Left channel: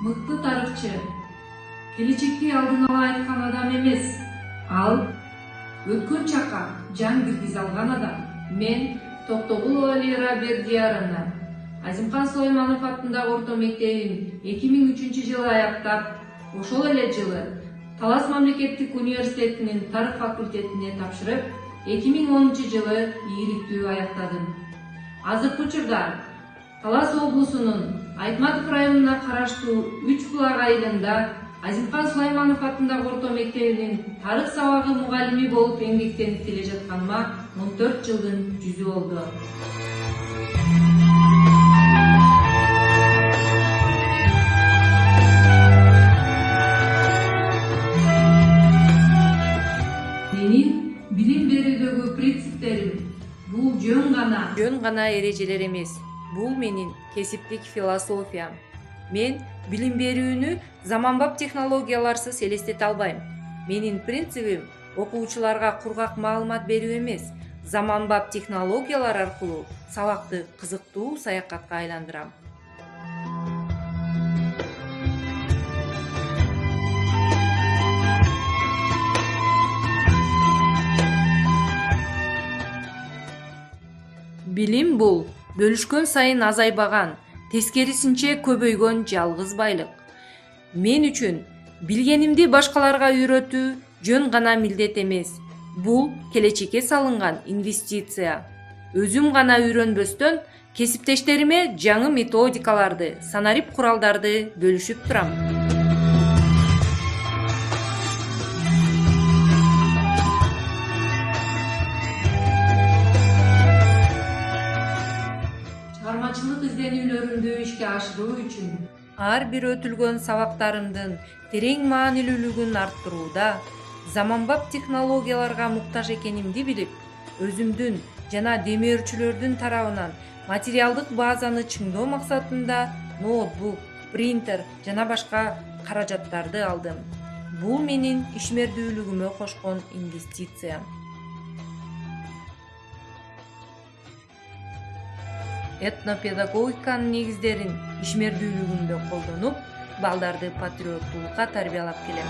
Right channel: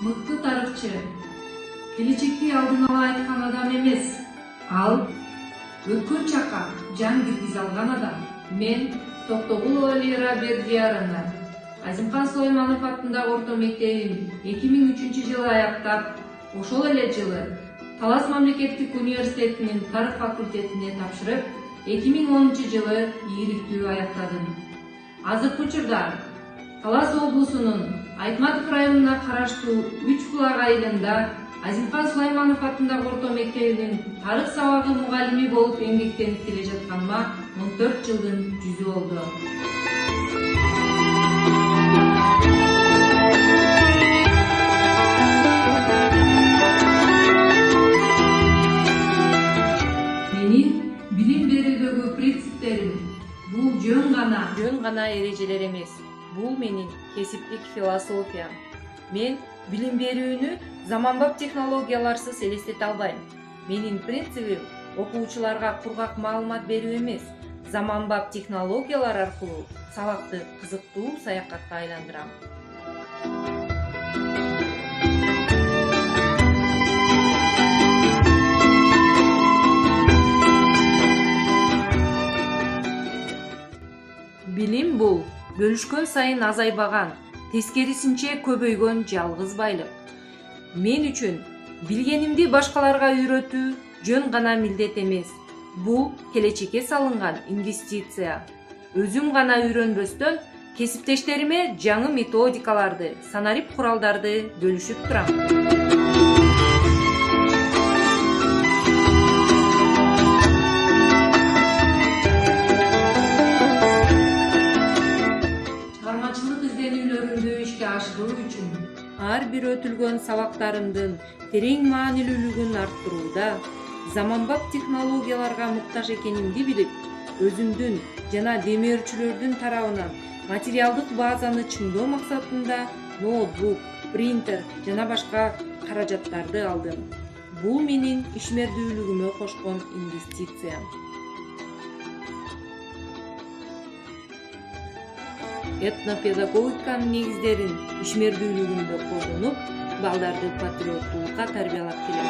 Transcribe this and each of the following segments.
мыкты тарыхчы, келечекти алдын ала айткан адам эмес. Ал өткөн чакка жан киргизе алган адам. Мен Токтогул Валера Бердияровна Азимкан Сулайманов атындагы орто мектебин 2003 жылы аяктап, ошол эле жылы Талас мамлекеттик университетинин тарых факультетине тапшырып, 2010 жылы ийгиликтүү аяктадым. Азыркы учурда Талас облусунун Айтматов районуна караштуу Үч булак айылында Азимкан Сулайманов атындагы орто мектебинин тарых сабагы мугалими болуп эмгектенип келе жатканыма 14 жылдын жүзү болду. Менин билим берүүдөгү принциптерим бул жөн гана эрежелер эмес. Бул менин кесиптик философиям. Мен билим берүүнү заманбап технологияларсыз элестете албайм. Менин принцибим окуучуларга кургак маалымат берүү эмес, заманбап технологиялар аркылуу сабакты кызыктуу саякатка айландырам. Билим бул бөлүшкөн сайын азайбаган, тескерисинче көбөйгөн жалгыз байлык. Мен үчүн билгенимди башкаларга үйрөтүү жөн гана милдет эмес. Бул келечекке салынган инвестиция. Өзүм гана үйрөнбөстөн кесиптештериме жаңы методикаларды, санарип куралдарды бөлүшүп турам. Чыгармачылык изденүүлөрүмдү ишке ашыруу үчүн ар бир өтүлгөн сабактарымдын терең маанилүүлүгүн арттырууда, заманбап технологияларга муктаж экенимди билип, өзүмдүн жана демөөрчүлөрдүн тарабынан материалдык базаны чыңдоо максатында ноутбук, принтер жана башка каражаттарды алдым. Бул менин ишмердүүлүгүмө кошкон инвестициям. Этнопедагогиканын негиздерин ишмердүүлүгүмдө колдонуп, балдарды патриоттуулукка тарбиялап келем.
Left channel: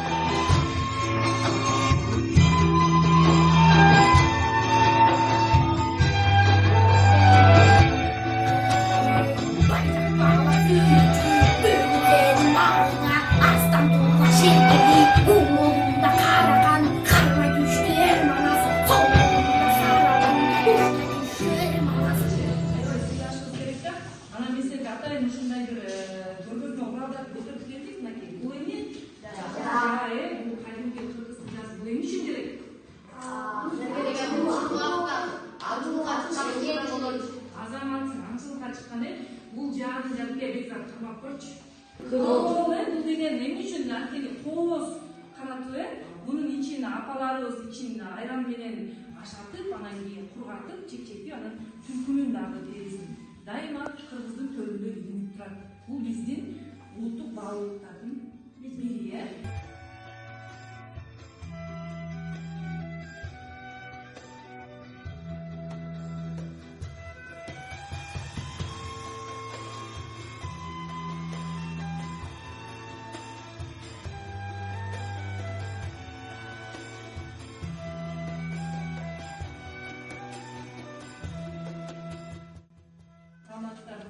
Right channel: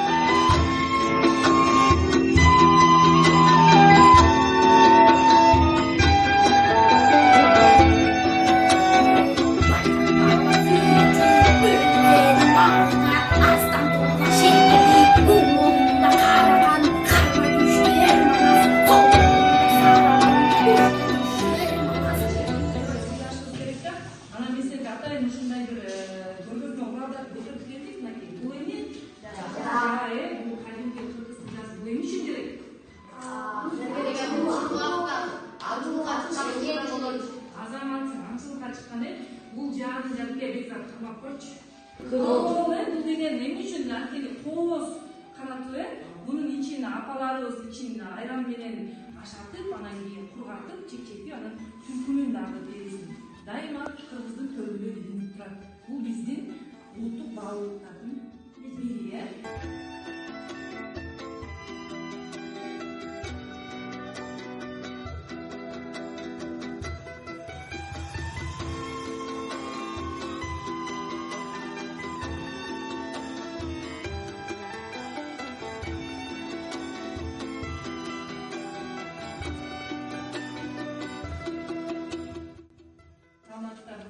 Бул жааны жабке бекзат камап койчу. Бул деген эмне үчүн анткени кооз канатуу бунун ичине апаларыбыз ичине айран менен ашатып, анан кийин кургатып, чекчекти анан түлкүнүн дагы терисин дайыма кыргыздын төрүндө илинип турат. Бул биздин улуттук баалуулуктардын бири.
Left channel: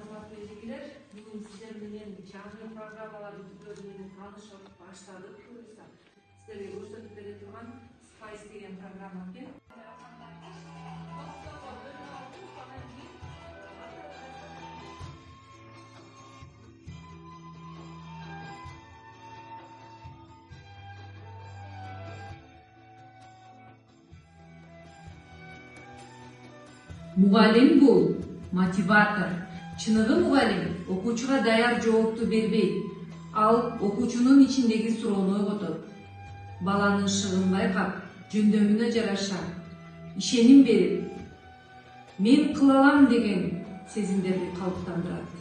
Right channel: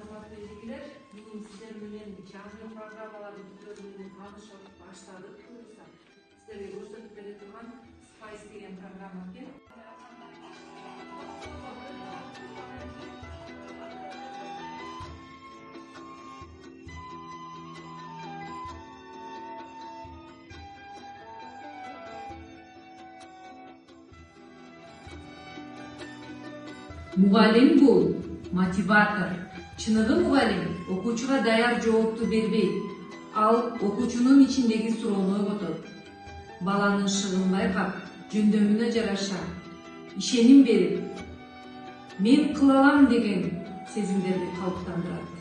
Урматтуу эжекелер, бүгүн сиздер менен жаңы программаларды бүткөрүү менен таанышып баштадык. Сиздерге көрсөтүп бере турган Spice деген программа экен. Мугалим бул мотиватор. Чыныгы мугалим окуучуга даяр жоопту бербейт. Ал окуучунун ичиндеги суроону ойготот. Баланын шыгын байкап, жөндөмүнө жараша ишеним берип, мен кыла алам деген сезимдерди калыптандырат.